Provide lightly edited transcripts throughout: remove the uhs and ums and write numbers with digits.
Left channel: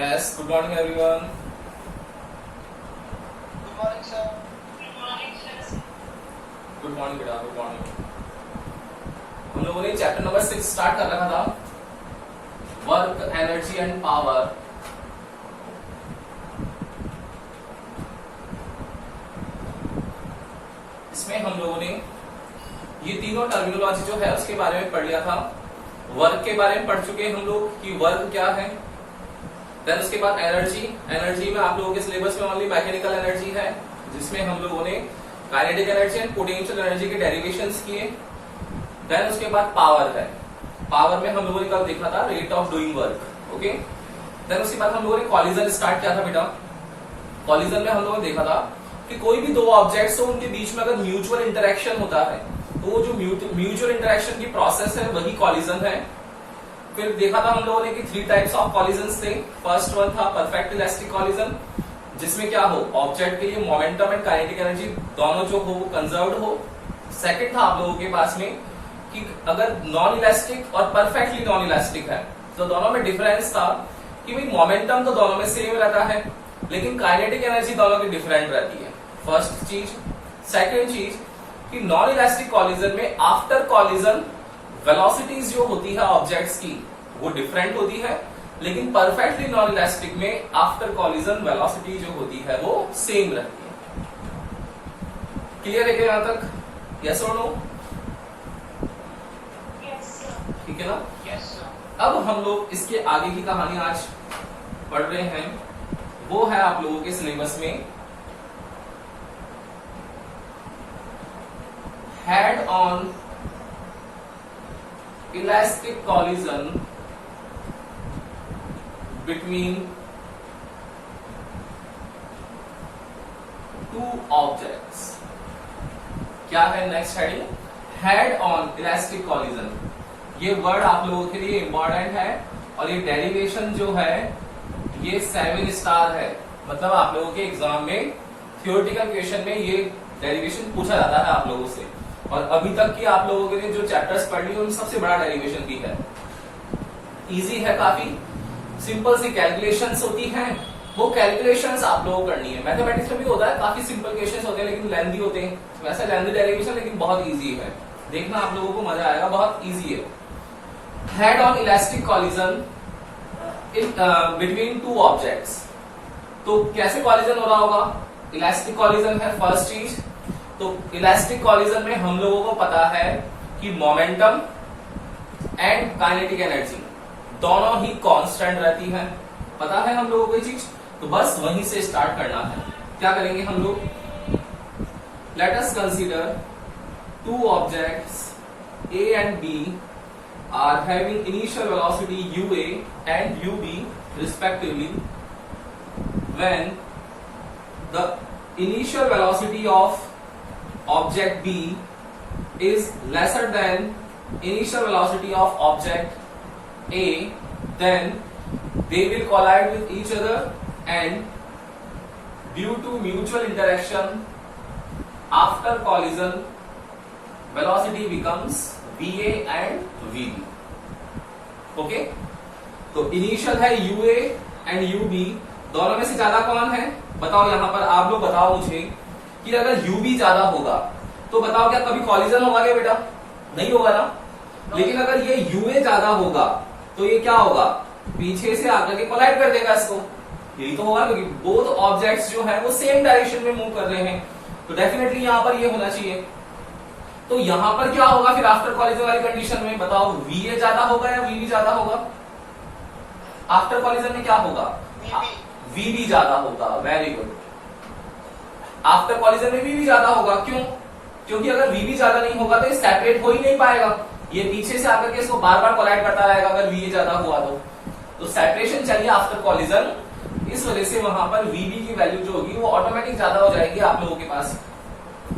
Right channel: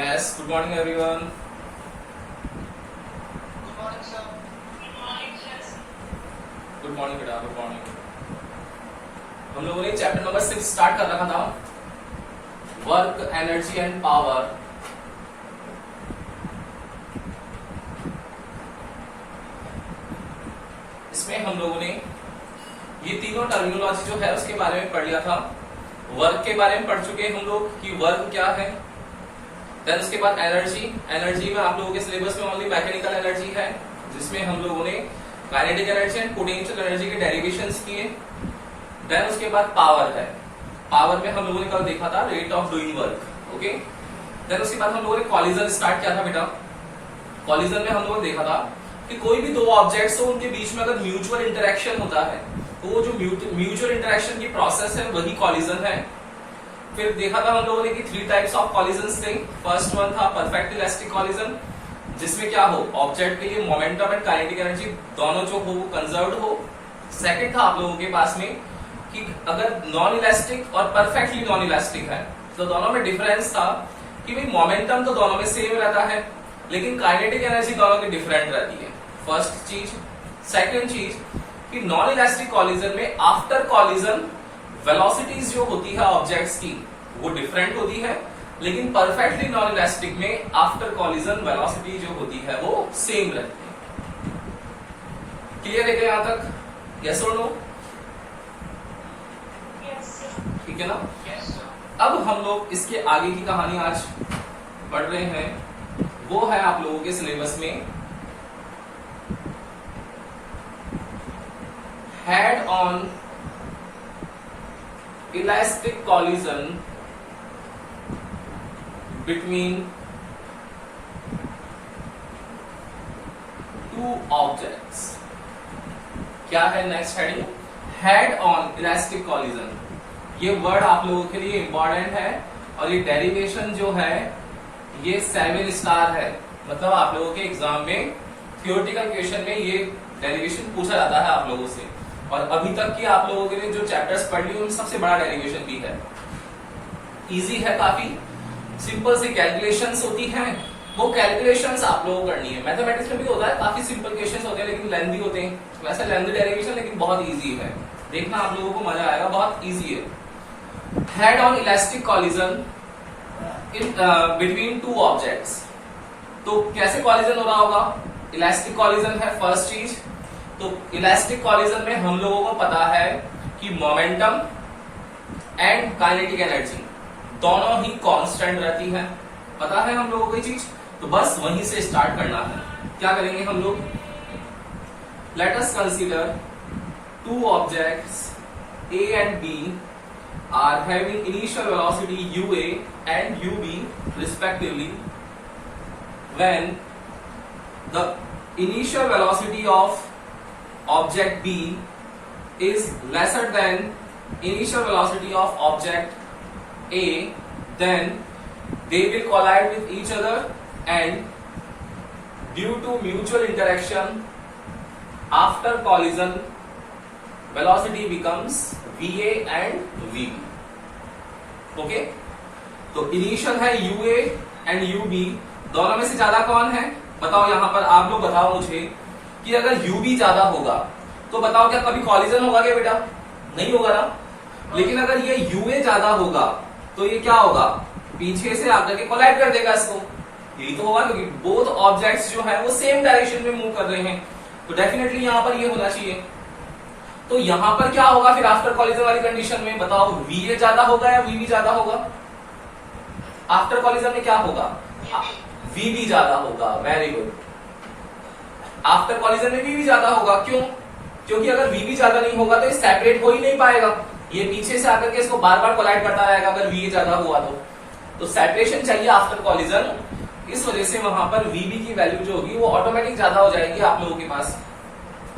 Yes, good morning everyone. Good morning, sir. Good morning, sir. Good morning बेटा, good morning. हम लोगों ने chapter number 6 start कर रखा था, वर्क, एनर्जी एंड पावर. इसमें हम लोगों ने ये तीनों टर्मिनोलॉजी जो है उसके बारे में पढ़ लिया था. वर्क के बारे में पढ़ चुके हैं हम लोग कि वर्क क्या है. देन उसके बाद एनर्जी. एनर्जी में आप लोगों के सिलेबस में ओनली मैकेनिकल एनर्जी है, जिसमें हम लोगों ने kinetic energy and potential energy के डेरिवेशंस किए. देन उसके बाद पावर है. पावर में हम लोगों ने कल देखा था rate of doing work. Okay. Then उसके बाद हम लोगों ने कॉलिजन स्टार्ट किया था बेटा. कॉलिजन में हम लोगों ने देखा था कि कोई भी दो ऑब्जेक्ट्स हो, उनके बीच में अगर म्यूचुअल इंटरेक्शन होता है तो वो जो म्यूचुअल इंटरेक्शन की प्रोसेस है वही कॉलिजन है. फिर देखा था हम लोगों ने कि 3 टाइप्स ऑफ कॉलिजन थे. फर्स्ट वन था परफेक्ट इलास्टिक कॉलिजन, जिसमें क्या हो, ऑब्जेक्ट के लिए मोमेंटम एंड काइनेटिक एनर्जी दोनों जो हो कंजर्व्ड हो. सेकंड था आप लोगों के पास में कि अगर नॉन इलास्टिक और परफेक्टली नॉन इलास्टिक है तो दोनों में डिफरेंस था कि भाई मोमेंटम तो दोनों में सेम रहता है लेकिन काइनेटिक एनर्जी दोनों की डिफरेंट रहती है. फर्स्ट चीज. सेकंड चीज कि नॉन इलास्टिक कॉलिजन में आफ्टर कॉलिजन वेलोसिटीज जो होती है ऑब्जेक्ट्स की वो डिफरेंट होती है, लेकिन परफेक्टली नॉन इलास्टिक में आफ्टर कॉलिजन वेलोसिटी जो होती है वो सेम रहती है. क्लियर है क्या यहां तक? यस और नो? ठीक है ना? Yes, sir. अब हम लोग इसके आगे की कहानी आज पढ़ रहे हैं. वो है आप लोगों के सिलेबस में head on elastic collision between two objects. क्या है next heading? Head on elastic collision. ये वर्ड आप लोगों के लिए इंपॉर्टेंट है और ये डेरिवेशन जो है ये 7 स्टार है. मतलब आप लोगों के एग्जाम में थ्योरेटिकल क्वेश्चन में ये डेरिवेशन पूछा जाता है आप लोगों से. और अभी तक की आप लोगों ने जो चैप्टर्स पढ़ लिए उनमें सबसे बड़ा डेरिवेशन भी है. इजी है काफी. सिंपल सी कैलकुलेशंस होती हैं, वो कैलकुलेशंस आप लोगों को करनी है. मैथमेटिक्स में भी होता है, काफी सिंपल क्वेश्चंस होते हैं लेकिन लेंथी होते हैं. वैसे लेंथी डेरिवेशन लेकिन बहुत इजी है. देखना आप लोगों को मजा आएगा, बहुत इजी है. Head on elastic collision in between two objects. तो कैसे कॉलिजन हो रहा होगा? इलास्टिक कॉलिजन है फर्स्ट चीज. तो इलास्टिक कॉलिजन में हम लोगों को पता है कि मोमेंटम एंड काइनेटिक एनर्जी दोनों ही कांस्टेंट रहती है. पता है हम लोगों को ये चीज. तो बस वहीं से स्टार्ट करना है. क्या करेंगे हम लोग? Let us consider two objects A and B are having initial velocity UA and UB respectively when the initial velocity of object B is lesser than initial velocity of object A, then they will collide with each other and due to mutual interaction after collision velocity becomes VA and VB. Okay. तो initial है UA and UB. दोनों में से ज्यादा कौन है बताओ? यहां पर आप लोग बताओ मुझे कि अगर UB ज्यादा होगा तो बताओ क्या कभी कॉलिजन होगा क्या बेटा? नहीं होगा ना. लेकिन अगर ये UA ज्यादा होगा तो ये क्या होगा? पीछे से आकर के कोलाइड कर देगा इसको. यही तो होगा क्योंकि बोथ ऑब्जेक्ट्स जो है वो सेम डायरेक्शन में मूव कर रहे हैं. तो डेफिनेटली यहां पर ये होना चाहिए. तो यहां पर क्या होगा फिर आफ्टर कॉलिजन वाली कंडीशन में? बताओ VA ज्यादा होगा या VB ज्यादा होगा? आफ्टर कॉलिजन में क्या होगा? VB ज्यादा होगा. Very good. आफ्टर कॉलिजन में VB ज्यादा होगा. क्यों? क्योंकि अगर VB ज्यादा नहीं होगा तो ये सेपरेट हो ही नहीं पाएगा. ये पीछे से आकर के इसको बार बार कोलाइड करता रहेगा अगर VA ज्यादा हुआ तो सेपरेशन चाहिए आफ्टर कॉलिजन. इस वजह से वहां पर VB की वैल्यू जो होगी वो ऑटोमेटिक ज्यादा हो जाएगी आप लोगों के पास.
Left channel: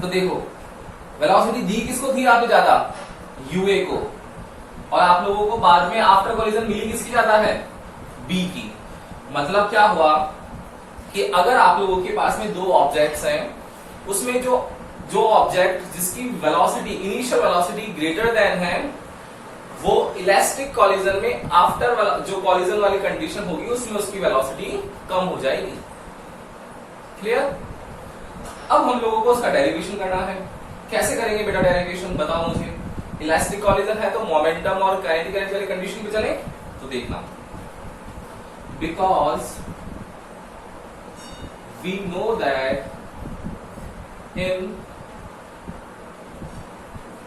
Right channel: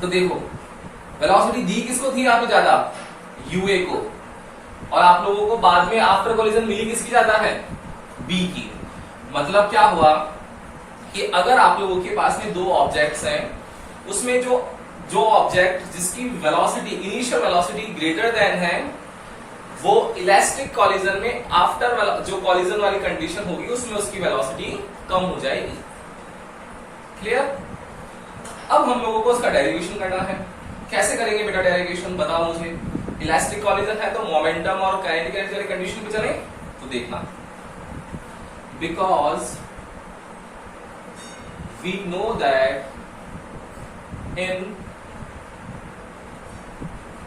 तो देखो वेलोसिटी दी किसको थी आप ज्यादा? UA को. और आप लोगों को बाद में आफ्टर कॉलिजन मिली किसकी ज्यादा है? B की. मतलब क्या हुआ कि अगर आप लोगों के पास में दो ऑब्जेक्ट्स हैं, उसमें जो ऑब्जेक्ट जिसकी velocity initial velocity greater than है वो इलास्टिक कॉलिजन में आफ्टर वाला जो कॉलिजन वाली कंडीशन होगी उसमें उसकी वेलोसिटी कम हो जाएगी। क्लियर? अब हम लोगों को उसका डेरिवेशन करना है। कैसे करेंगे बेटा डेरिवेशन, बताओ मुझे। इलास्टिक कॉलिजन है तो मोमेंटम और काइनेटिक एनर्जी वाली कंडीशन पे चले तो देखना, because we know that in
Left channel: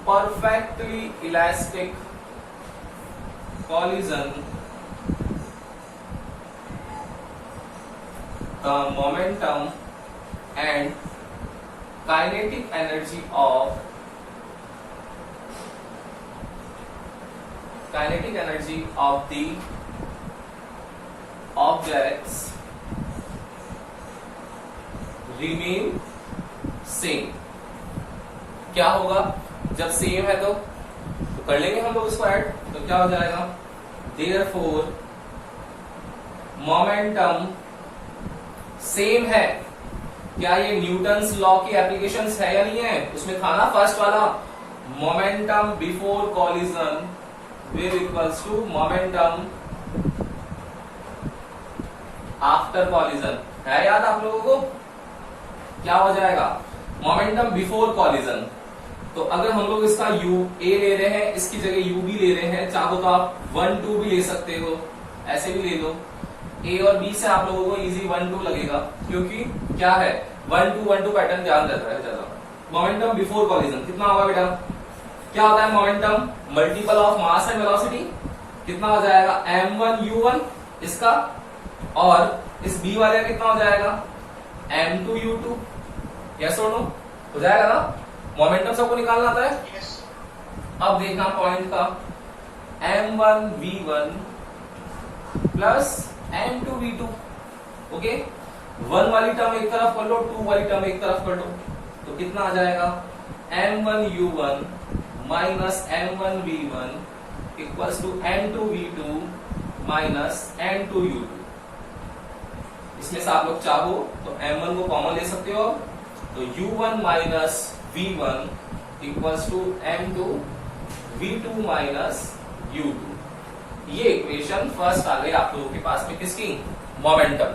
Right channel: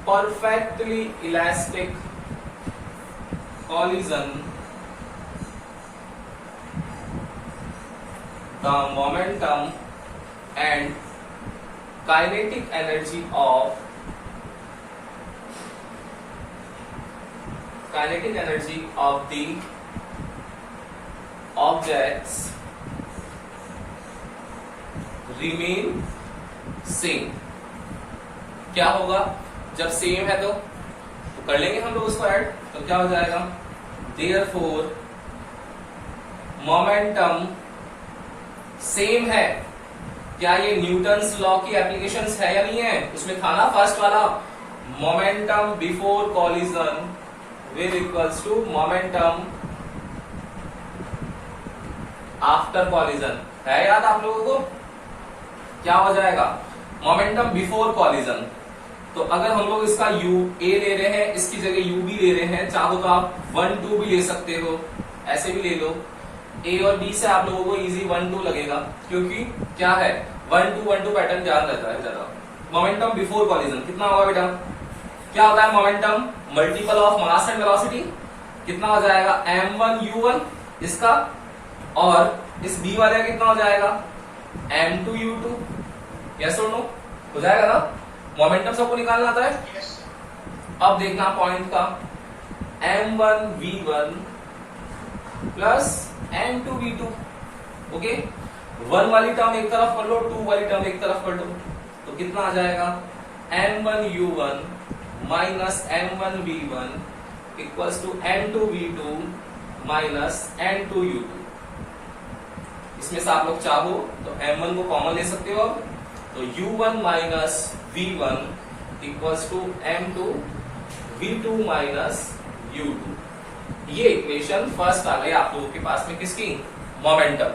perfectly elastic collision the momentum and kinetic energy of the objects remain same। क्या होगा जब सेम है तो कर लेंगे हम लोग उसको ऐड, तो क्या हो जाएगा, देयरफॉर मोमेंटम सेम है। क्या ये न्यूटन्स लॉ की एप्लीकेशंस है या नहीं है? उसमें था ना फर्स्ट वाला, momentum before collision will equals to momentum after collision. है याद आप लोगों को? क्या हो जाएगा, मोमेंटम बिफोर कॉलिजन। तो अगर हम लोग इसका u a ले रहे हैं, इसकी जगह u b ले रहे हैं, चाहो तो आप 1 2 भी ले सकते हो, ऐसे भी ले लो। a और b से आप लोगों को इजी 1 2 लगेगा, क्योंकि क्या है 1 2 पैटर्न ध्यान रहता है ज्यादा। मोमेंटम बिफोर कॉलिजन कितना होगा बेटा, क्या होता है momentum multiple of mass and velocity, कितना हो जाएगा m1 u1 इसका, और इस b वाले का कितना हो जाएगा m2 u2। यस और नो? हो जाएगा ना? मोमेंटम सबको निकालना आता है। Yes. अब देखना पॉइंट का, m1 v1 plus m2 v2। Okay, 1 वाली टर्म एक तरफ कर लो, 2 वाली टर्म एक तरफ कर लो, तो कितना आ जाएगा m1 u1 minus m1 v1 equals to m2 v2 minus m2 u2। इसमें से आप लोग चाहो तो m1 को कॉमन ले सकते हो, तो u1 minus v1 equals to m2 v2 minus u2। ये इक्वेशन फर्स्ट आ गई आप लोगों के पास में, किसकी, मोमेंटम।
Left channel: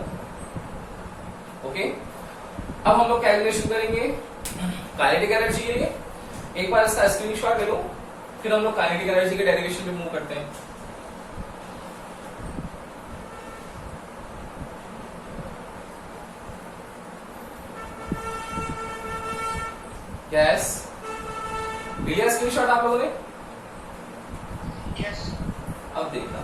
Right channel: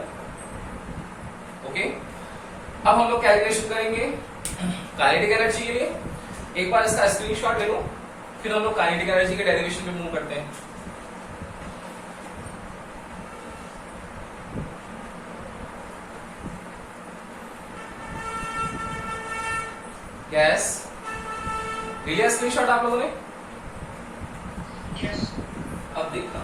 ओके, अब हम लोग कैलकुलेशन करेंगे काइनेटिक एनर्जी के लिए। एक बार इसका स्क्रीनशॉट ले लो, फिर हम लोग काइनेटिक एनर्जी के डेरिवेशन पे मूव करते हैं। यस, लिया स्क्रीनशॉट आप लोगों ने? Yes. अब देखना,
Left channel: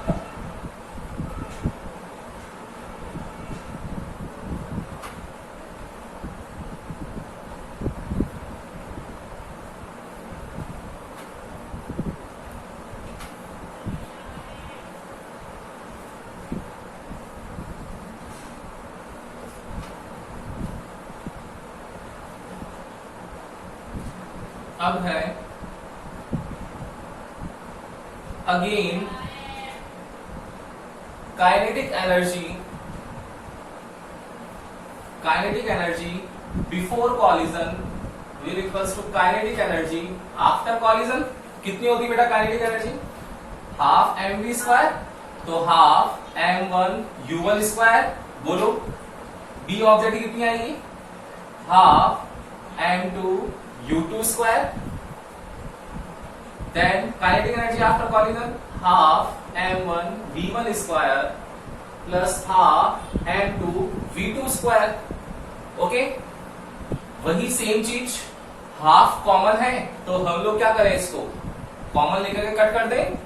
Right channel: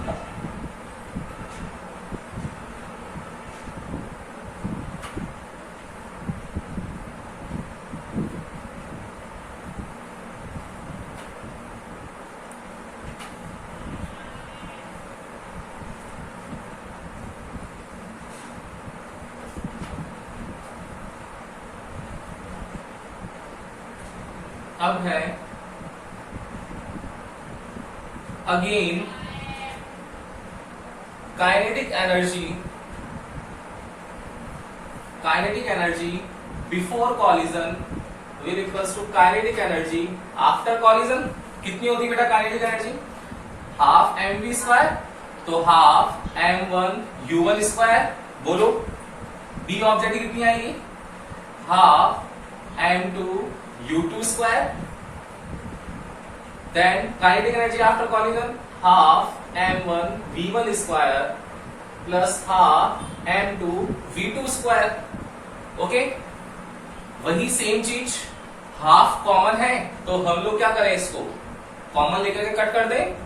अब है again kinetic energy before collision will equals to kinetic energy after collision. कितनी होती है बेटा kinetic energy, half mv square, तो हाफ m1 u1 स्क्वायर। बोलो b ऑब्जेक्ट की कितनी आएगी, half m2 u2 square. Then kinetic energy after collision half m1 v1 square plus half m2 v2 square. Okay, वही सेम चीज, हाफ common है तो हम लोग क्या करें, इसको कॉमन लेकर के कट कर दें।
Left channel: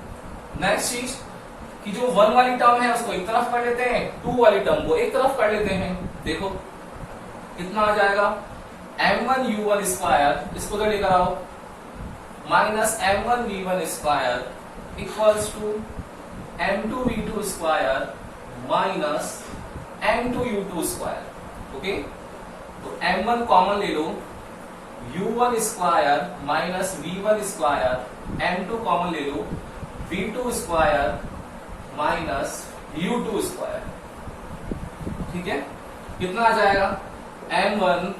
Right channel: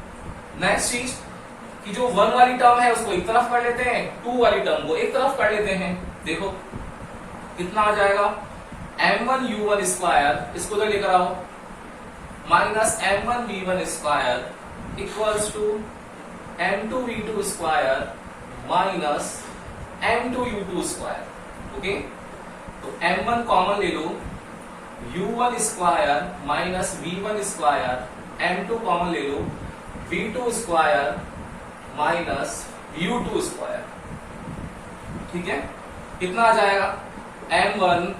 नेक्स्ट चीज कि जो 1 वाली टर्म है उसको एक तरफ कर लेते हैं, 2 वाली टर्म को एक तरफ कर लेते हैं। देखो कितना आ जाएगा, m1 u1 स्क्वायर, इसको तो लेकर आओ, minus m1 v1 square equals to m2 v2 square minus m2 u2 square. Okay, तो m1 कॉमन ले लो, u1 square minus v1 square, m2 common ले लो, v2 square minus u2 square. ठीक है, कितना आ जाएगा, m1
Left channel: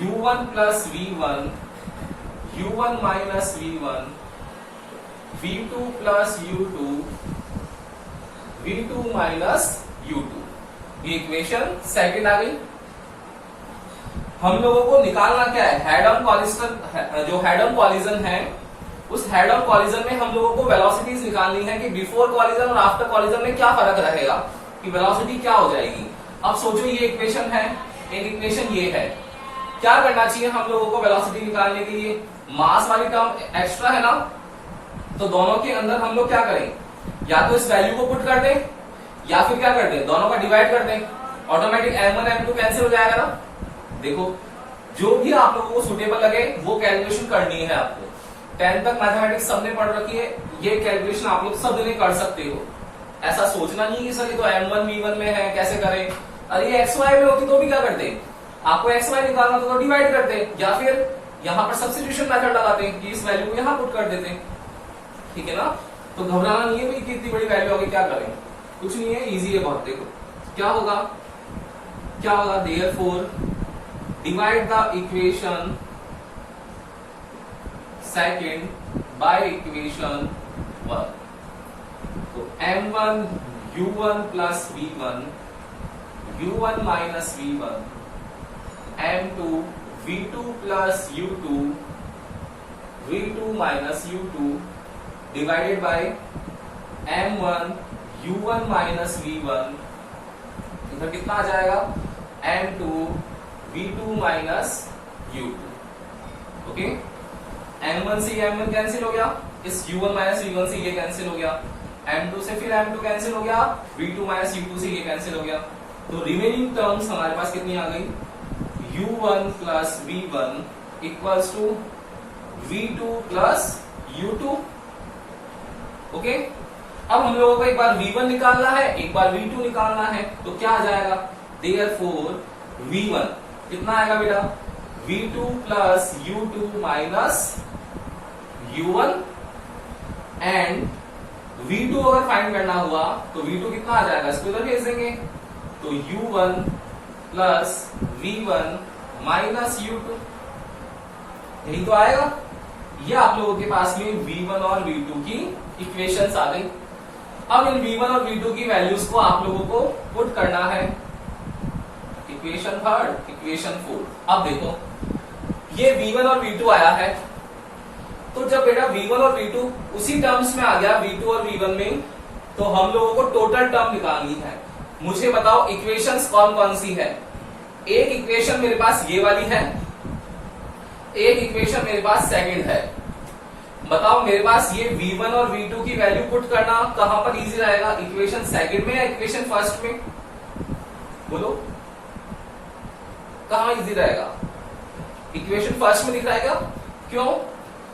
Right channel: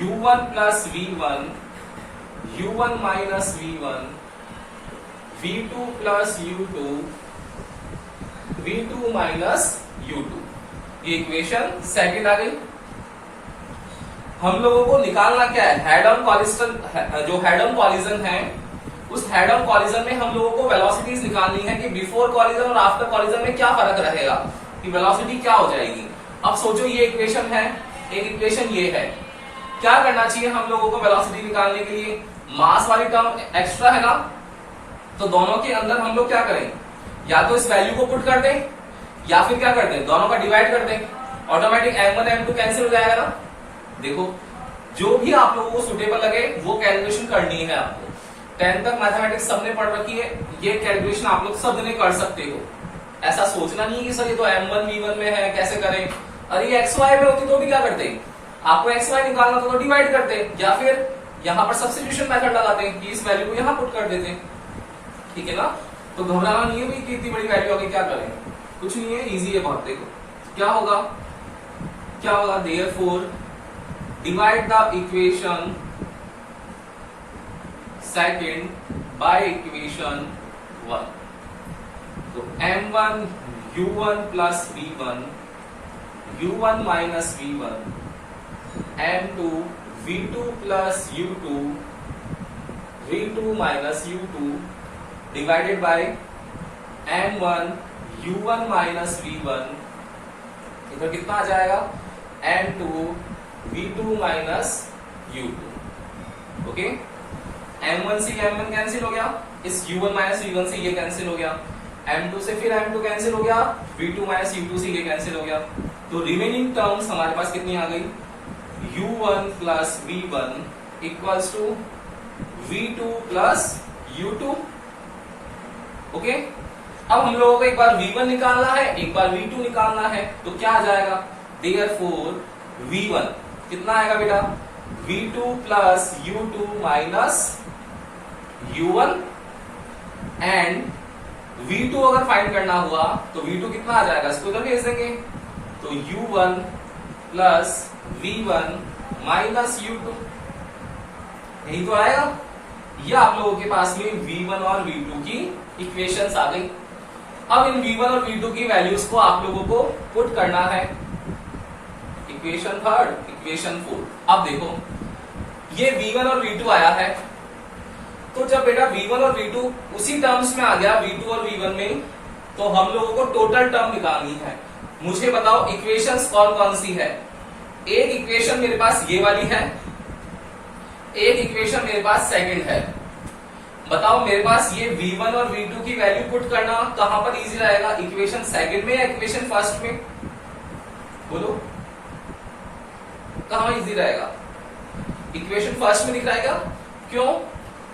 u1 plus v1 u1 minus v1 V2 plus U2 V2 minus U2, ये इक्वेशन सेकंड आ गई। हम लोगों को निकालना क्या है, हेड ऑन कॉलिजन, जो हेड ऑन कॉलिजन है उस हेड ऑन कॉलिजन में हम लोगों को वेलोसिटीज निकालनी है कि बिफोर कॉलिजन और आफ्टर कॉलिजन में क्या फर्क रहेगा, कि वेलोसिटी क्या हो जाएगी। अब सोचो ये इक्वेशन है, एक इक्वेशन ये है, क्या करना चाहिए हम लोगों को वेलोसिटी निकालने के लिए, मास वाली टर्म एक्स्ट्रा है ना, तो दोनों के अंदर हम लोग क्या करें, या तो इस वैल्यू को पुट कर दें या फिर क्या कर दें, दोनों का डिवाइड कर दें, ऑटोमेटिक m1 m2 कैंसिल हो जाएगा ना। देखो जो भी आप लोगों को सुटेबल लगे वो कैलकुलेशन करनी है आपको। 10th तक मैथमेटिक्स सबने पढ़ रखी है, ये कैलकुलेशन आप लोग सब दिन कर सकते हो। ऐसा सोचना नहीं है कि सर ये तो m1 v1 में है कैसे करें, अरे ये xy में होती तो भी क्या करते, आपको xy निकालना तो डिवाइड करते, या फिर यहाँ पर सब्स्टिट्यूशन मेथड लगाते हैं कि इस वैल्यू को यहाँ पुट कर देते हैं, ठीक है ना। तो घबराना नहीं है भाई कि इतनी बड़ी वैल्यू होगी क्या करें, कुछ नहीं है, इजी है बहुत। देखो क्या होगा, क्या होगा, therefore divide the equation second by equation 1। तो m1 u1 plus v1 u1 minus v1 m2 v2 plus u2 v2 minus u2 divided by m1 u1 minus v1, इधर कितना आ जाएगा m2 v2 minus u2। Okay, m1 से m1 cancel हो गया, इस u1 minus v1 से ये cancel हो गया, m2 से फिर m2 कैंसिल हो गया, v2 माइनस u2 से ये कैंसिल हो गया। तो रिमेनिंग टर्म्स हमारे पास कितनी आ गई, u1 plus v1 equals to v2 plus u2। Okay, अब हम लोगों को एक बार v1 निकालना है, एक बार v2 निकालना है, तो क्या आ जाएगा, देयरफॉर v1 कितना आएगा बेटा, v2 plus u2 minus u1, and v2 अगर फाइंड करना हुआ तो v2 कितना आ जाएगा, इसको इधर भेज देंगे, तो u1 plus v1 minus u2, यही तो आएगा। ये आप लोगों के पास में v1 और v2 की इक्वेशंस आ गई। अब इन v1 और v2 की वैल्यूज को आप लोगों को पुट करना है, इक्वेशन थर्ड, इक्वेशन फोर्थ। अब देखो ये v1 और v2 आया है, तो जब बेटा v1 और v2 उसी टर्म्स में आ गया v2 और v1 में, तो हम लोगों को टोटल टर्म निकालनी है। मुझे बताओ इक्वेशंस कौन कौन सी है। एक इक्वेशन मेरे पास ये वाली है, एक इक्वेशन मेरे पास सेकंड है। बताओ मेरे पास ये v1 और v2 की वैल्यू पुट करना कहां पर इजी रहेगा, इक्वेशन सेकंड में या इक्वेशन फर्स्ट में, बोलो कहां इजी रहेगा, इक्वेशन फर्स्ट में दिख रहेगा। क्यों,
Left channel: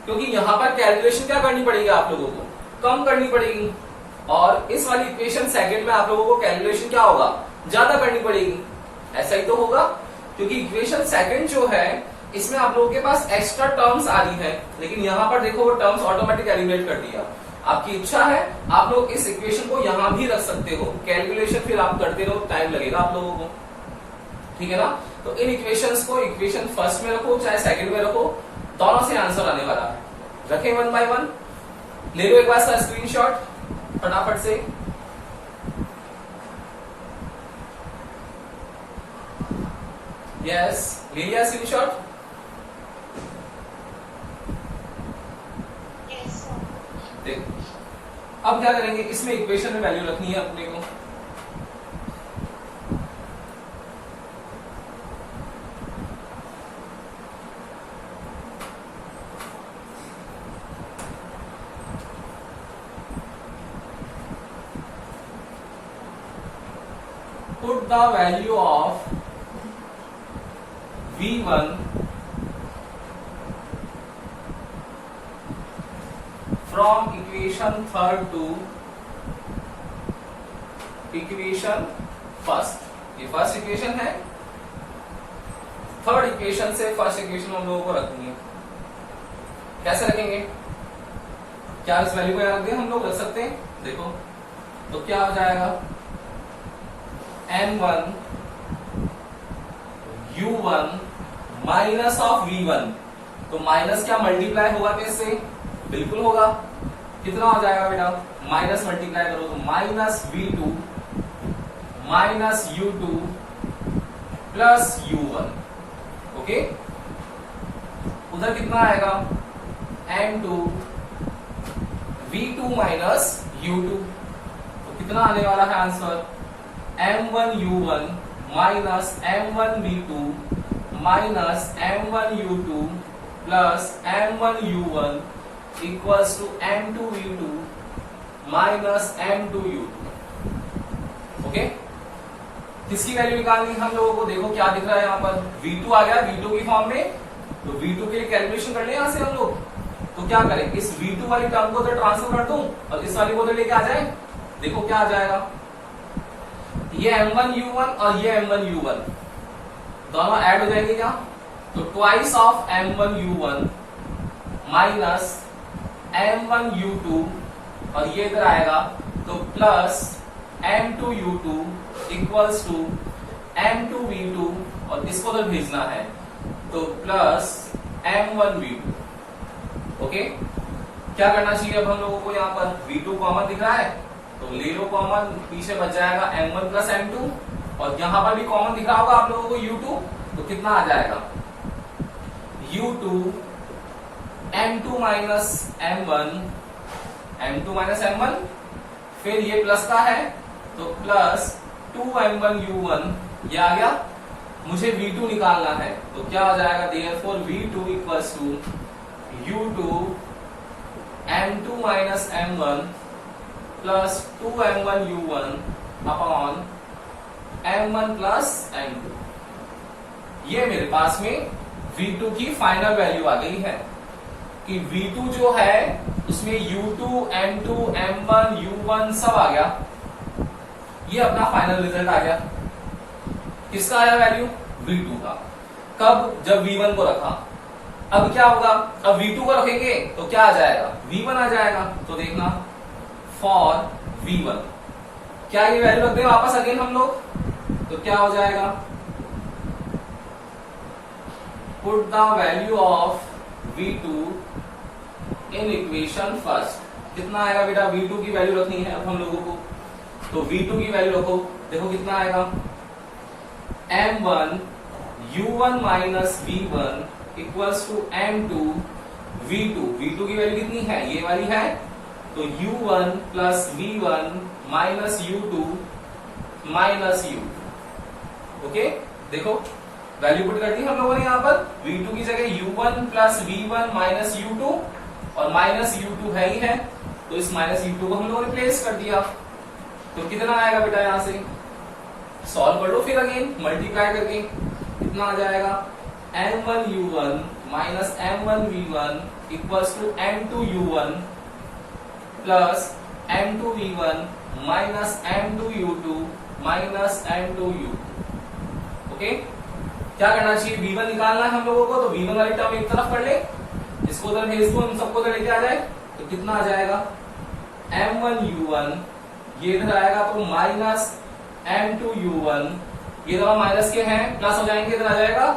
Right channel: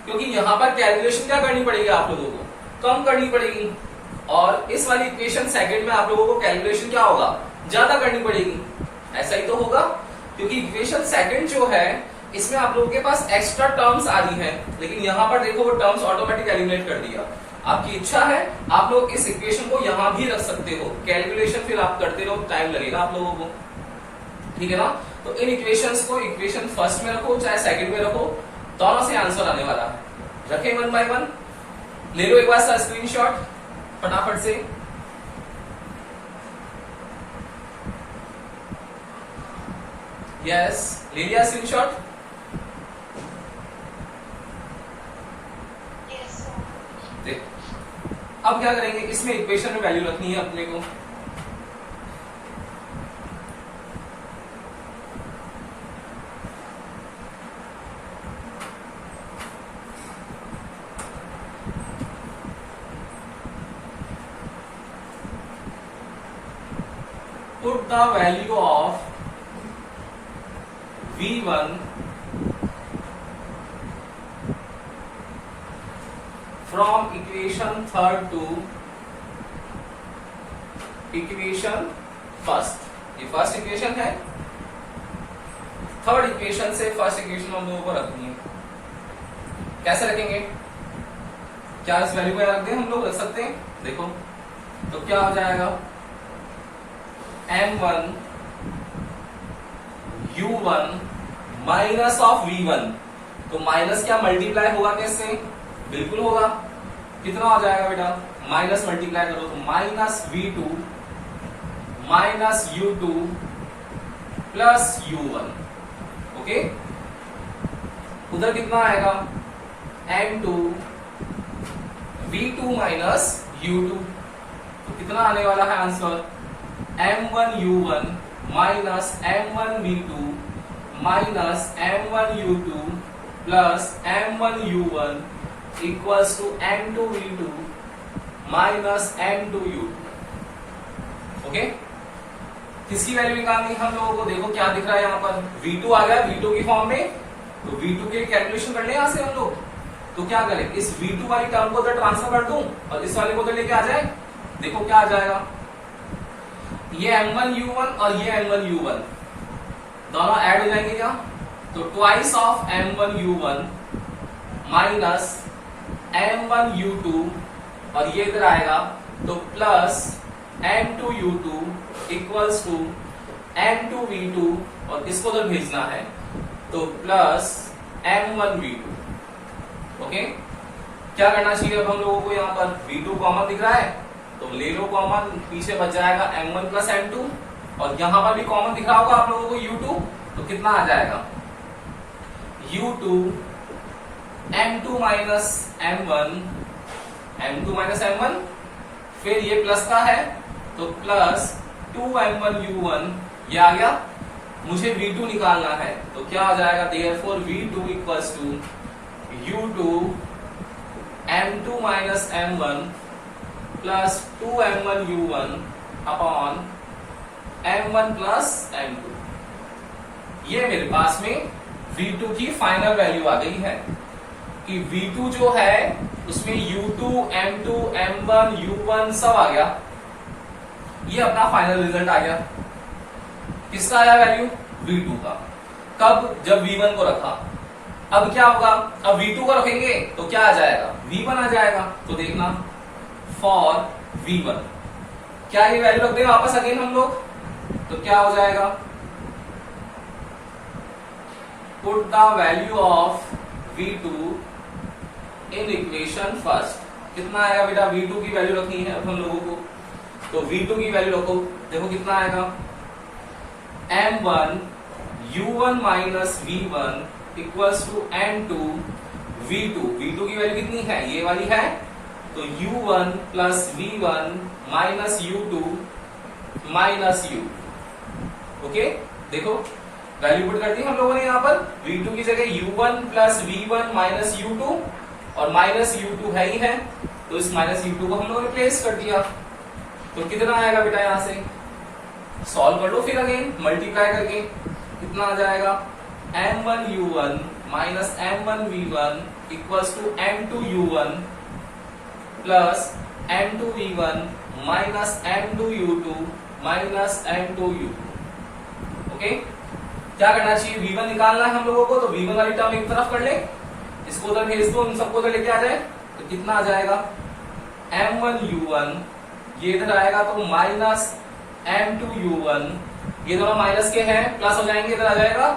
क्योंकि यहां पर कैलकुलेशन क्या करनी पड़ेगी, आप लोगों को कम करनी पड़ेगी, और इस वाली इक्वेशन सेकंड में आप लोगों को कैलकुलेशन क्या होगा, ज्यादा करनी पड़ेगी। ऐसा ही तो होगा, क्योंकि इक्वेशन सेकंड जो है इसमें आप लोगों के पास एक्स्ट्रा टर्म्स आ रही है, लेकिन यहां पर देखो वो टर्म्स ऑटोमेटिक एलिमिनेट कर दिया। आपकी इच्छा है आप लोग इस इक्वेशन को यहां भी रख सकते हो, कैलकुलेशन फिर आप करते रहो, टाइम लगेगा आप लोगों को, ठीक है ना। तो इन इक्वेशंस को इक्वेशन फर्स्ट में रखो चाहे सेकंड में रखो, दोनों से आंसर आने वाला है। रखे वन बाय वन, ले लो एक बार सा स्क्रीनशॉट फटाफट से। यस, ले लिया स्क्रीनशॉट। देखो अब क्या करेंगे, इसमें इक्वेशन में वैल्यू रखनी है अपने को। Put the value of V1 from equation third to equation first. ये फर्स्ट इक्वेशन है, थर्ड इक्वेशन से फर्स्ट इक्वेशन हम लोगों को रखनी है। कैसे रखेंगे, क्या इस वैल्यू को रख दें, हम लोग रख सकते हैं। देखो तो क्या हो जाएगा, m1 u1 minus of v1, तो माइनस क्या मल्टीप्लाई होगा कैसे, बिल्कुल होगा, कितना हो जाएगा बेटा, माइनस मल्टीप्लाई करो तो minus V2 minus U2 plus U1। Okay, उधर कितना आएगा, M2 V2 माइनस U2, तो कितना आने वाला है answer, M1 U1 minus M1 V2 minus M1 U2 plus M1 U1 equals to M2 V2 minus M2 U2। Okay, किसकी value निकालनी है हम लोगों को, देखो क्या दिख रहा है यहाँ पर, V2 आ गया V2 की फॉर्म में, तो V2 के लिए कैलकुलेशन कर ले यहां से हम लोग। तो क्या करें, इस V2 वाली टर्म को तो ट्रांसफर कर दूं और इस वाली को तो लेके आ जाए। देखो क्या आ जाएगा, ये M1 U1 और ये M1 U1 दोनों ऐड हो जाएंगे क्या, तो twice of M1 U1 minus M1 U2 और ये इधर आएगा तो plus M2 U2 equals to M2 V2 और इसको तो भेजना है तो प्लस M1 V2। ओके, क्या करना चाहिए अब हम लोगों को, यहाँ पर V2 कॉमन दिख रहा है तो ले लो कॉमन, पीछे बच जाएगा M1 प्लस M2 और यहां पर भी कॉमन दिख रहा होगा आप लोगों को U2, तो कितना आ जाएगा, U2 M2 minus M1 M2 minus M1, फिर ये प्लस का है तो प्लस 2M1 U1, ये आ गया, मुझे V2 निकालना है तो क्या हो जाएगा, therefore V2 equals to U2 M2 minus M1 plus 2M1 U1 upon M1 plus M2। ये मेरे पास में V2 की फाइनल वैल्यू आ गई है कि V2 जो है उसमें U2 M2 M1 U1 सब आ गया, ये अपना फाइनल रिजल्ट आ गया। किसका आया वैल्यू, V2 का। कब, जब V1 को रखा। अब क्या होगा, अब V2 को रखेंगे तो क्या आ जाएगा, V1 आ जाएगा। तो देखना फॉर V1, क्या ये वैल्यू रख दें वापस अगेन हम लोग, तो क्या हो जाएगा, put the value of V2 in equation first. कितना आएगा बेटा, V2 की वैल्यू रखनी है अब हम लोगों को, तो V2 की वैल्यू रखो, देखो कितना आएगा, M1 U1 minus V1 equals to M2 V2। V2 की वैल्यू कितनी है, ये वाली है, तो U1 plus V1 minus U2 minus U। Okay, देखो वैल्यू पुट कर दी हम लोगों ने यहाँ पर, V2 की जगह U1 plus V1 minus U2 और माइनस U2 है ही है, तो इस माइनस U2 को हम लोगों ने प्लेस कर दिया। तो कितना आएगा बेटा, यहां से सॉल्व कर लो फिर अगेन मल्टीप्लाई करके, कितना आ जाएगा, M1 U1 minus M1 V1 equals to M2 U1 plus M2 V1 minus M2 U2 minus M2 U2। Okay, क्या करना चाहिए, V1 निकालना है हम लोगों को, तो V1 वाली टर्म एक तरफ कर ले, इसको उधर भेज दो, इन सबको उधर लेके आ जाए, तो कितना आ जाएगा, M1 U1, ये इधर आएगा तो माइनस M2 U1, ये दोनों माइनस के हैं, प्लस हो जाएंगे, इधर आ जाएगा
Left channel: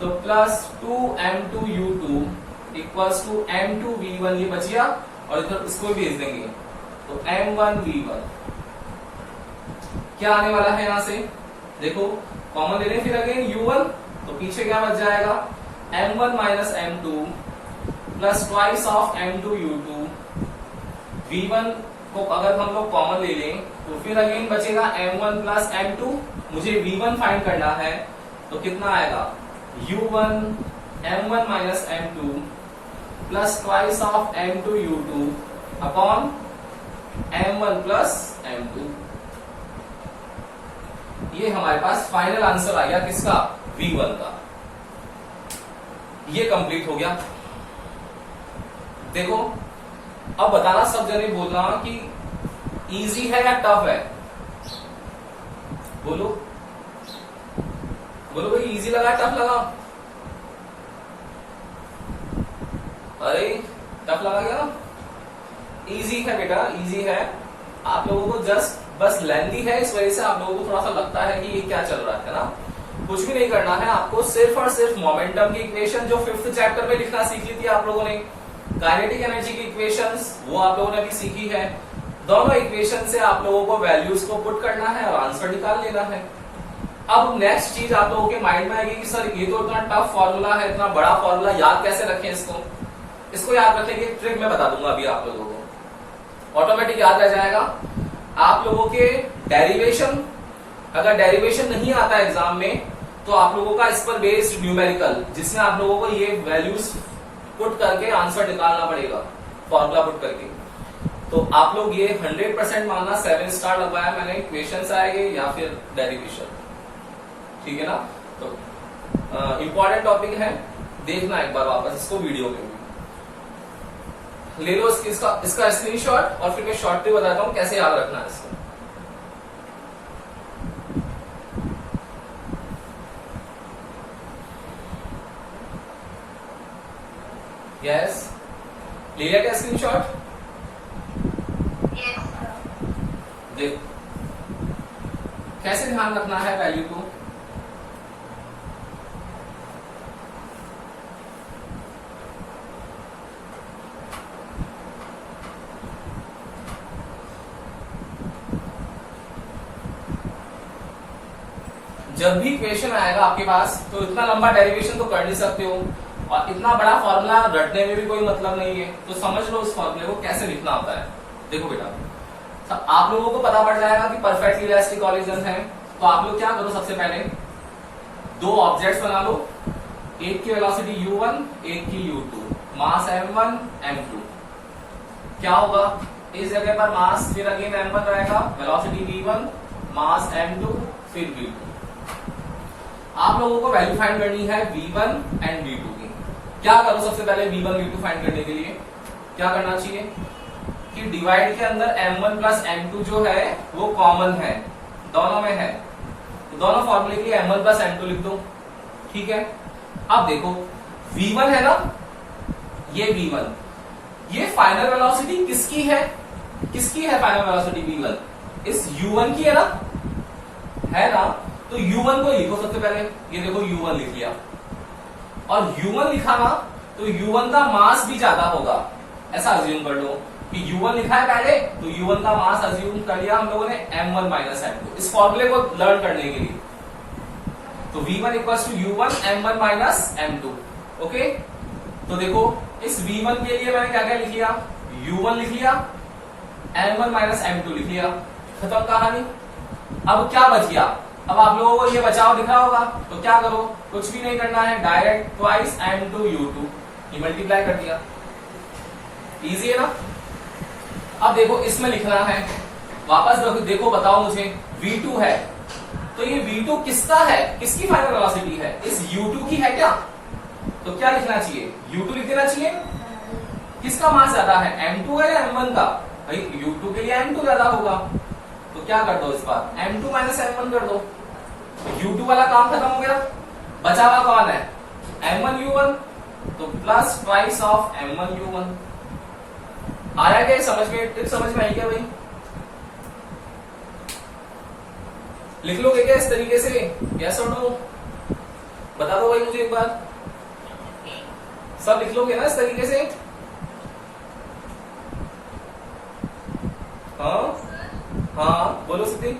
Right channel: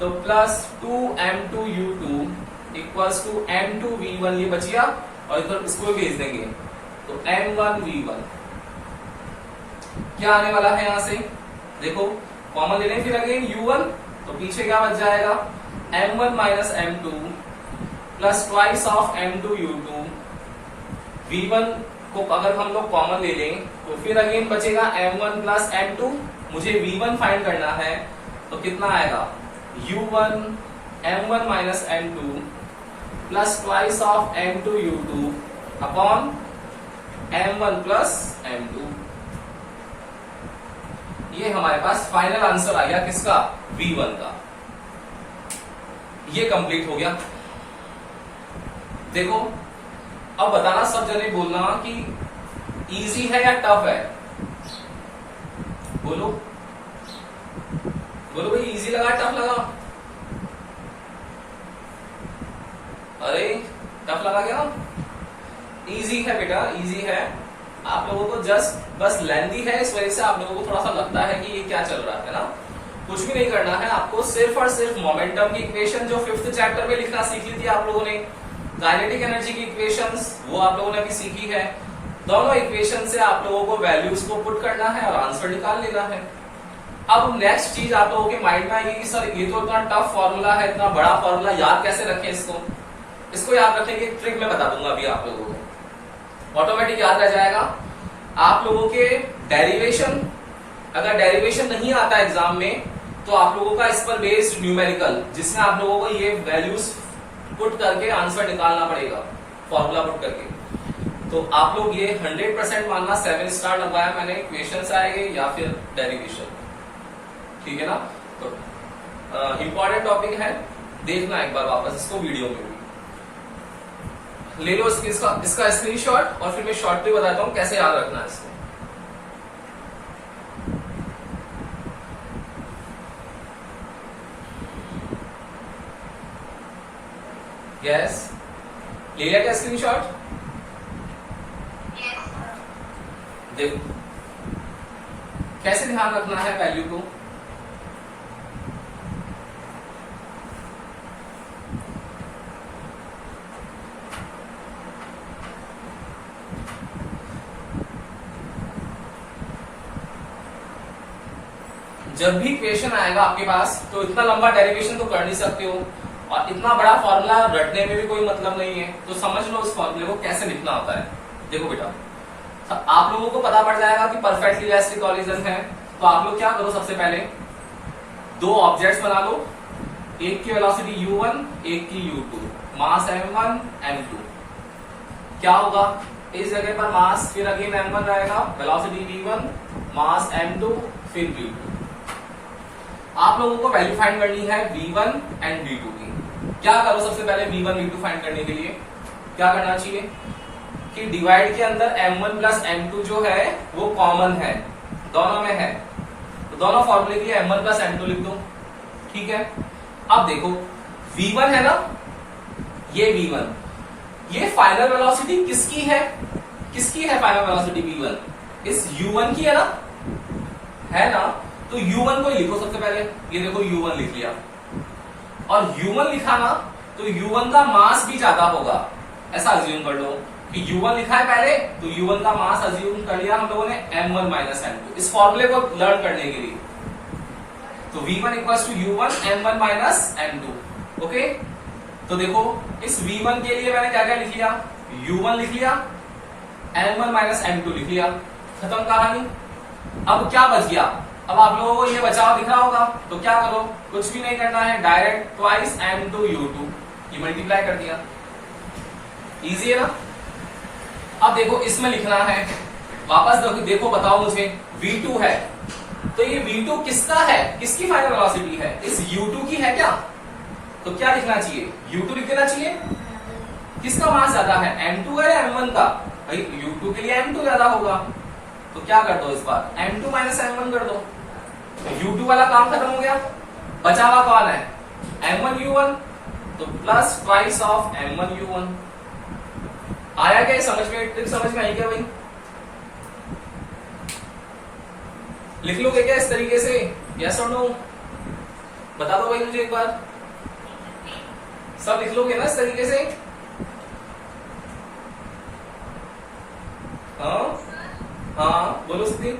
तो plus 2M2 U2 equals to M2 V1, ये बच गया और इधर इसको भेज देंगे तो M1 V1। क्या आने वाला है यहां से, देखो कॉमन ले लें फिर अगेन U1, तो पीछे क्या बच जाएगा, M1 minus M2 plus twice of M2 U2। V1 को अगर हम लोग कॉमन ले लें तो फिर अगेन बचेगा M1 प्लस M2, मुझे V1 फाइंड करना है, तो कितना आएगा, U1 M1 minus M2 plus twice of M2 U2 upon M1 plus M2। ये हमारे पास फाइनल आंसर आ गया किसका, V1 का। ये कंप्लीट हो गया। देखो अब बताना, सब जने बोलना कि इजी है या टफ है, बोलो बोलो भाई, इजी लगा टफ लगा, अरे टफ लगा क्या, इजी है बेटा, इजी है। आप लोगों को जस्ट बस लेंथी है, इस वजह से आप लोगों को थोड़ा सा लगता है कि ये क्या चल रहा है ना। कुछ भी नहीं करना है आपको, सिर्फ और सिर्फ मोमेंटम की इक्वेशन जो 5th चैप्टर में लिखना सीखी थी आप लोगों ने, काइनेटिक एनर्जी की इक्वेशंस वो आप लोगों ने अभी सीखी है। दोनों इक्वेशन से आप लोगों को वैल्यूज को पुट करना है और आंसर निकाल लेना है। अब नेक्स्ट चीज आप लोगों के माइंड में आएगी कि सर ये तो इतना टफ फॉर्मूला है, इतना बड़ा फॉर्मूला, याद कैसे रखें इसको याद रखने की ट्रिक मैं बता दूंगा अभी आप लोगों को, ऑटोमेटिक याद रह जाएगा। आप लोगों के डेरिवेशन, अगर डेरिवेशन नहीं आता एग्जाम में तो आप लोगों का इस पर बेस्ड न्यूमेरिकल, जिसमें आप लोगों को ये वैल्यूज पुट करके आंसर निकालना पड़ेगा, फॉर्मूला पुट करके। तो आप लोग ये 100% मानना, 7 स्टार लगवाया मैंने, इक्वेशन से आएंगे या फिर डेरिवेशन, ठीक है ना। तो इंपॉर्टेंट टॉपिक है, देखना एक बार वापस इसको वीडियो में ले लो इसका स्क्रीनशॉट और फिर मैं शॉर्टली बताता हूं कैसे याद रखना है इसको। यस, ले लिया क्या स्क्रीनशॉट? Yes, sir. देखो कैसे ध्यान रखना है वैल्यू को। जब भी क्वेश्चन आएगा आपके पास तो इतना लंबा डेरिवेशन तो कर नहीं सकते हो, और इतना बड़ा फॉर्मूला रटने में भी कोई मतलब नहीं है, तो समझ लो इस फॉर्मूले को कैसे लिखना होता है। देखो बेटा, तो आप लोगों को पता पड़ जाएगा कि परफेक्टली इलास्टिक कॉलिजन है। तो आप लोग क्या करो, सबसे पहले दो ऑब्जेक्ट्स बना लो, एक की वेलोसिटी u1, एक की u2, मास m1 m2। क्या होगा, इस जगह पर मास फिर अगेन m1 रहेगा, वेलोसिटी v1, मास m2, फिर v2। आप लोगों को वैल्यू फाइंड करनी है v1 एंड v2 की। क्या करो, सबसे पहले v1 v2 फाइंड करने के लिए क्या करना चाहिए कि डिवाइड के अंदर m1 प्लस m2 जो है वो कॉमन है, दोनों में है, तो दोनों फॉर्मूले के लिए m1 प्लस m2 लिख दो, ठीक है। अब देखो v1 है ना, ये v1, ये फाइनल वेलोसिटी किसकी है, किसकी है फाइनल वेलोसिटी v1? इस u1 की है ना, तो u1 को लिखो सबसे पहले। ये देखो u1 लिख लिया, और u1 लिखा ना तो u1 का मास भी ज्यादा होगा, ऐसा अज्यूम कर लो कि u1 लिखा है पहले, तो u1 का मास अज्यूम कर लिया हम लोगों ने m1 माइनस m2, इस फॉर्मूले को लर्न करने के लिए। तो v1 equals to u1 m1 minus m2, okay. तो देखो इस v1 के लिए मैंने क्या क्या लिख लिया, u1 लिख लिया, m1 माइनस m2 लिख लिया, खत्म कहानी। अब क्या बच गया, अब आप लोगों को ये बचाव दिख रहा होगा, तो क्या करो, कुछ भी नहीं करना है, डायरेक्ट ट्वाइस m2 u2, ये मल्टीप्लाई कर दिया, इजी है ना। अब देखो इसमें लिखना है, वापस देखो बताओ मुझे, v2 है, तो ये v2 किसका है, किसकी फाइनल वेलोसिटी है, इस u2 की है क्या? तो क्या लिखना चाहिए, u2 लिख देना चाहिए। किसका मास ज्यादा है, m2 है या m1 का? भाई u2 के लिए m2 ज्यादा होगा, तो क्या कर दो इस बार m2 माइनस m1 कर दो, u2 वाला काम खत्म हो गया, बचा हुआ कौन है, m1 u1, तो plus twice of m1 u1। आया क्या समझ में, ट्रिक समझ में आई क्या भाई? लिख लोगे क्या इस तरीके से, यस और नो? बता दो भाई मुझे एक बार, सब लिख लोगे ना इस तरीके से? हाँ हाँ बोलो सिद्धि।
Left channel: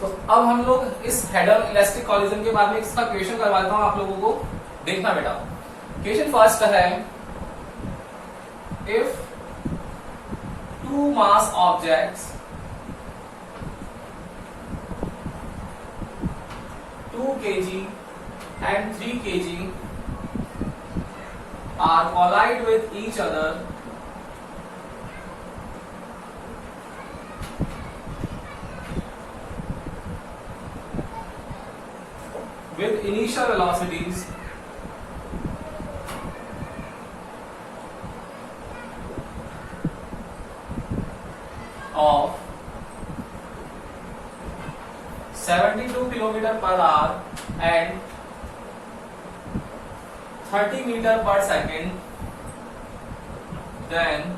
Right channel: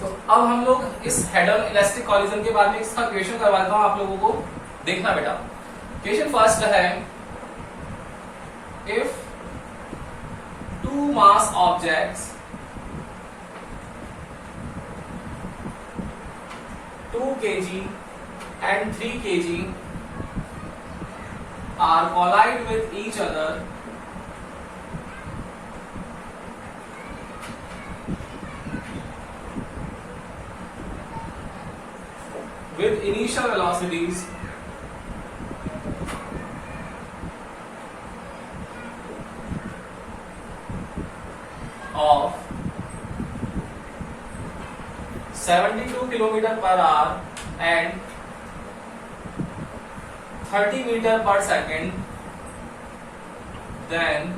तो अब हम लोग इस हेड ऑन इलास्टिक कॉलिजन के बारे में इसका क्वेश्चन करवा देता हूं आप लोगों को, देखना बेटा। क्वेश्चन फर्स्ट है, if two mass objects 2 kg and 3 kg are collide with each other with initial velocities of 72 km per hour and 30 meter per second, then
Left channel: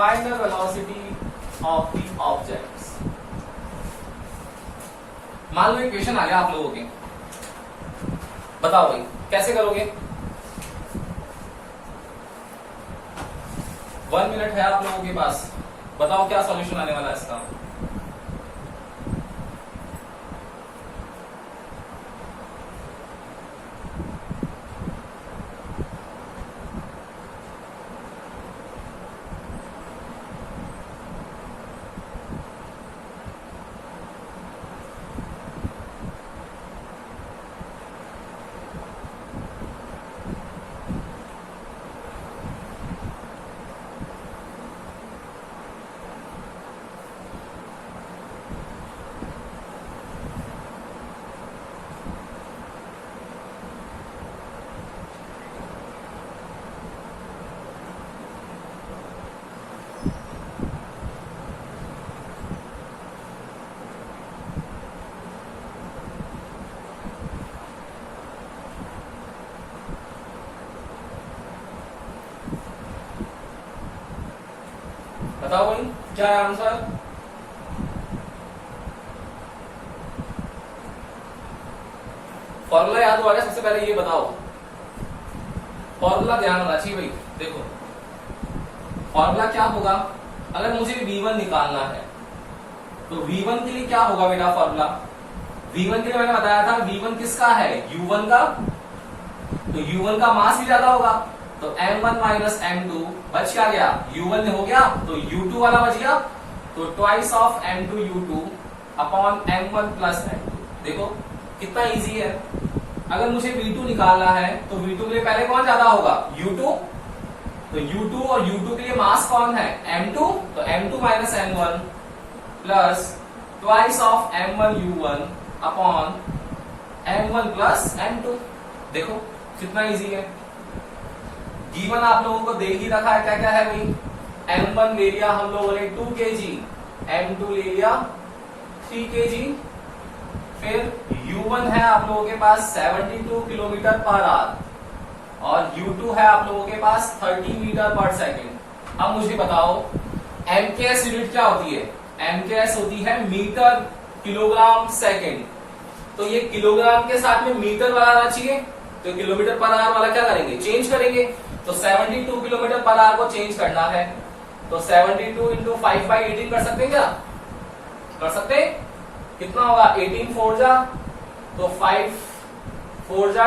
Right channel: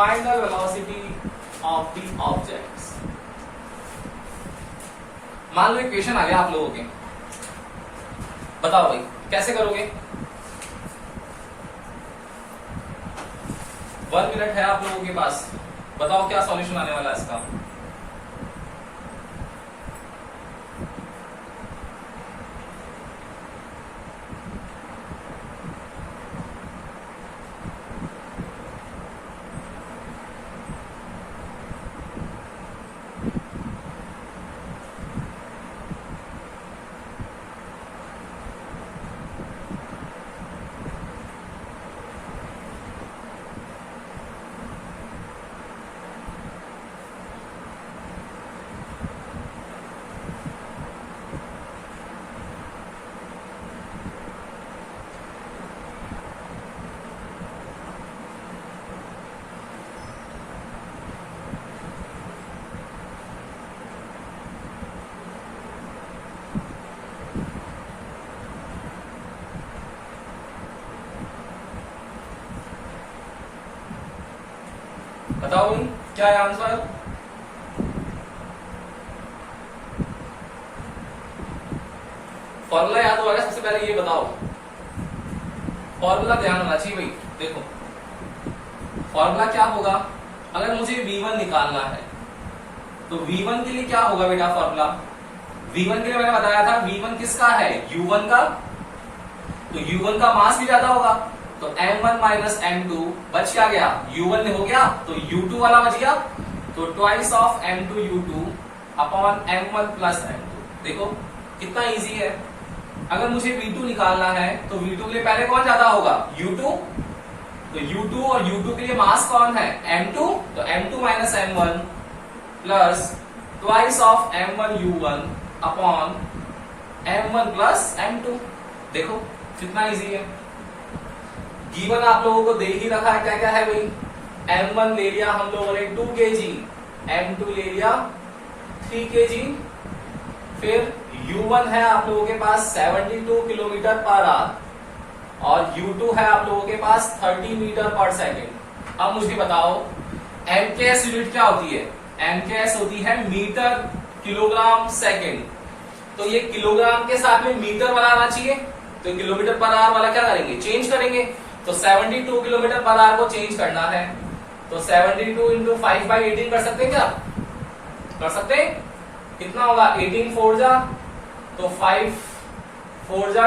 final velocity of the objects. मान लो एक question आ गया आप लोगों के, बताओ भाई कैसे करोगे? 1 मिनट है आप लोगों के पास, बताओ क्या सॉल्यूशन आने वाला है इसका। बताओ भाई क्या है आंसर? फॉर्मूला याद हुआ क्या? सबसे पहले ये बताओ, फॉर्मूला ध्यान रखना चाहिए भाई। देखो फॉर्मूला क्या होगा, अगर मुझे V1 निकालना है तो V1 के लिए क्या होगा बेटा फॉर्मूला? V1 के लिए मैंने बताया था, V1 किसका है? U1 का। तो U1 का मास भी ज्यादा होगा, तो M1 माइनस M2 बच क्या गया? U1 हो गया, तो U2 वाला बच गया, तो twice of M2 U2 upon M1 plus M2। देखो कितना इजी है। अगर मुझे V2 निकालना है तो V2 के लिए पहले कौन ज्यादा होगा? U2। तो U2 और U2 के लिए मास कौन है? M2। तो M2 minus M1 plus twice of M1 U1 upon M1 plus M2। देखो कितना इजी है। गिवन आप लोगों को दे ही रखा है, क्या क्या है भाई? M1 ले लिया हम लोगों ने 2 kg, M2 ले लिया 3 kg, फिर U1 है आप लोगों के पास 72 किलोमीटर पर आवर और U2 है आप लोगों के पास 30 मीटर पर सेकेंड। अब मुझे बताओ MKS यूनिट क्या होती है? MKS होती है मीटर किलोग्राम सेकेंड। तो ये किलोग्राम के साथ में मीटर वाला आना चाहिए, तो किलोमीटर पर आवर वाला क्या करेंगे? चेंज करेंगे। तो 72 किलोमीटर पर आवर को चेंज करना है, तो 72 इंटू 5/18 कर सकते हैं क्या? कर सकते हैं। कितना होगा? 18 4 जा तो 5 4 जा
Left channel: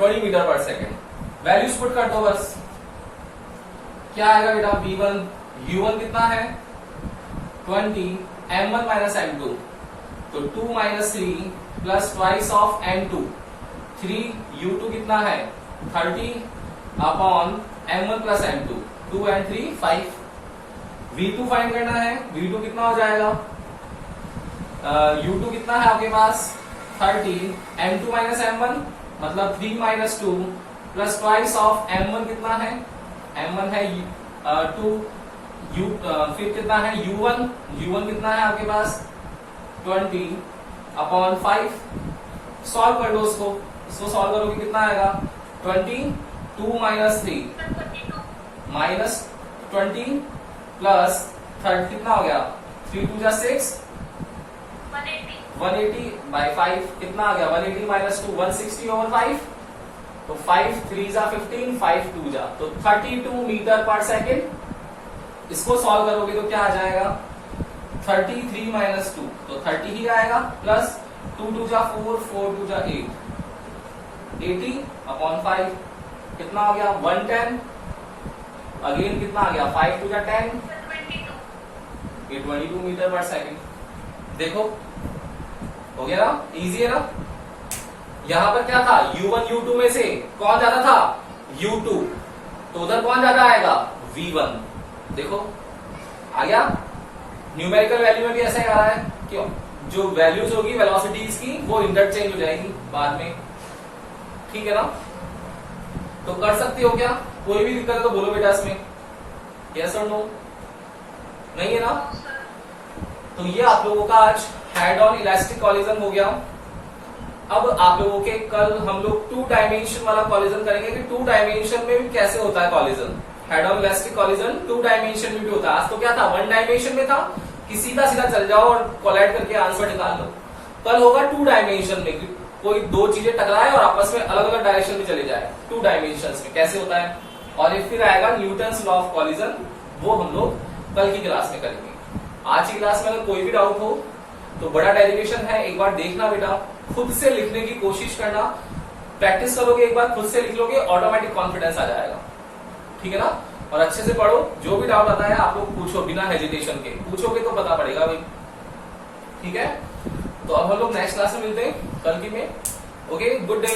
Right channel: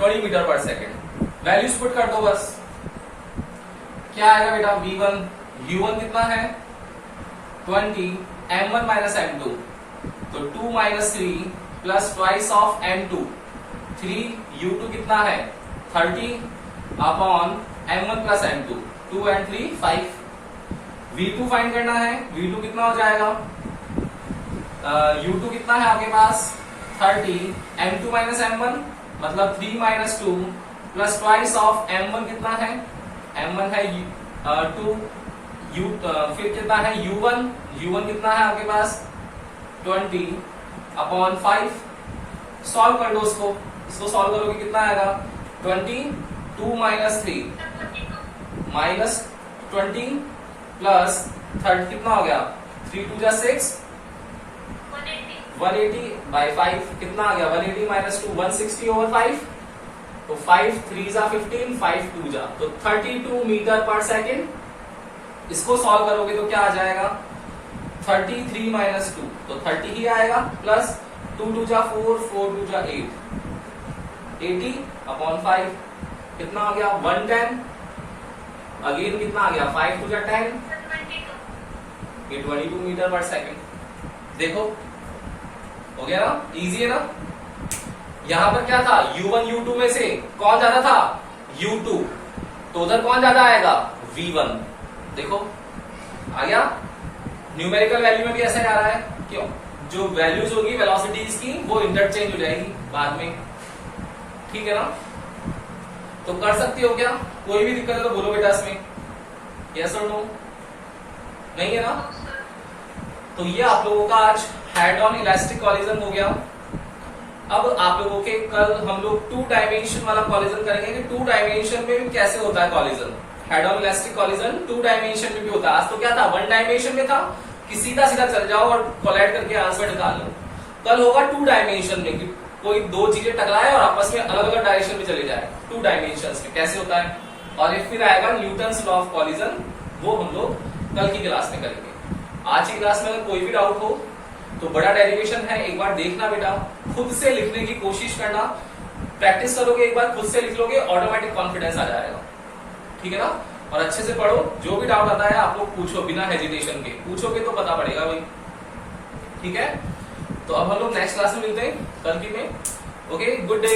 20 मीटर पर सेकेंड। वैल्यूज पुट कर दो बस। क्या आएगा बेटा? V1 U1 कितना है? 20 M1 माइनस M2 तो 2 minus 3 plus twice of M2 3 U2 कितना है? 30 upon M1 plus M2 2 and 3 5। V2 find करना है। V2 कितना हो जाएगा? U2 कितना है आपके पास? 30 M2 माइनस M1 मतलब 3 minus 2 plus twice of M1 कितना है? M1 है 2 फिर कितना है? U1 कितना है आपके पास? 20 अपॉन 5। सॉल्व कर दो इसको सॉल्व करोगे कितना आएगा? 20 2 माइनस 3 माइनस 20 प्लस 30 कितना हो गया? 3 2 जा 6 180 बाई 5 कितना आ गया? 180 माइनस 2 160 ओवर 5 तो 5 3 जा 15 5 2 जा तो 32 मीटर पर सेकेंड। इसको सॉल्व करोगे तो क्या आ जाएगा? 33 माइनस 2 तो 30 ही आएगा प्लस 2 2 जा 4 4 2 जा 8 80 अपॉन 5 कितना आ गया? 110 अगेन कितना आ गया? 5 2 जा 10 ये 22 मीटर पर सेकेंड। देखो हो गया ना? इजी है ना? यहां पर क्या था? U1 U2 में से कौन ज्यादा था? U2 तो उधर कौन ज्यादा आएगा? V1। देखो आ गया। न्यूमेरिकल वैल्यू में भी ऐसा ही आ रहा है। क्यों? जो वैल्यूज होगी वेलोसिटीज की वो इंटरचेंज हो जाएगी बाद में। ठीक है ना? तो कर सकती हो क्या? कोई भी दिक्कत है तो बोलो बेटा इसमें। यस और नो? नहीं है ना? तो ये आप लोगों का आज हेड ऑन इलास्टिक कॉलिजन हो गया। अब आप लोगों के कल हम लोग 2 डायमेंशन वाला कॉलिजन करेंगे कि 2 डायमेंशन में भी कैसे होता है collision. Head on elastic collision 2 dimension में भी होता है। आज तो क्या था, 1 डायमेंशन में था कि सीधा सीधा चल जाओ और कोलाइड करके आंसर निकाल लो। कल होगा 2 डायमेंशन में कि कोई दो चीजें टकराए और आपस में अलग अलग डायरेक्शन में चले जाए। 2 डायमेंशन में कैसे होता है, और ये फिर आएगा न्यूटन्स लॉ ऑफ कॉलिजन, वो हम लोग कल की क्लास में करेंगे। आज की क्लास में अगर कोई भी डाउट हो तो बड़ा डेरिवेशन है, एक बार देखना बेटा, खुद से लिखने की कोशिश करना, प्रैक्टिस करोगे, एक बार खुद से लिख लोगे, ऑटोमेटिक कॉन्फिडेंस आ जाएगा। ठीक है ना, और अच्छे से पढ़ो, जो भी डाउट आता है आप लोग पूछो, बिना हेजिटेशन के पूछोगे तो पता पड़ेगा भाई। ठीक है, तो अब हम लोग नेक्स्ट क्लास में मिलते हैं कल की में। Okay, good day.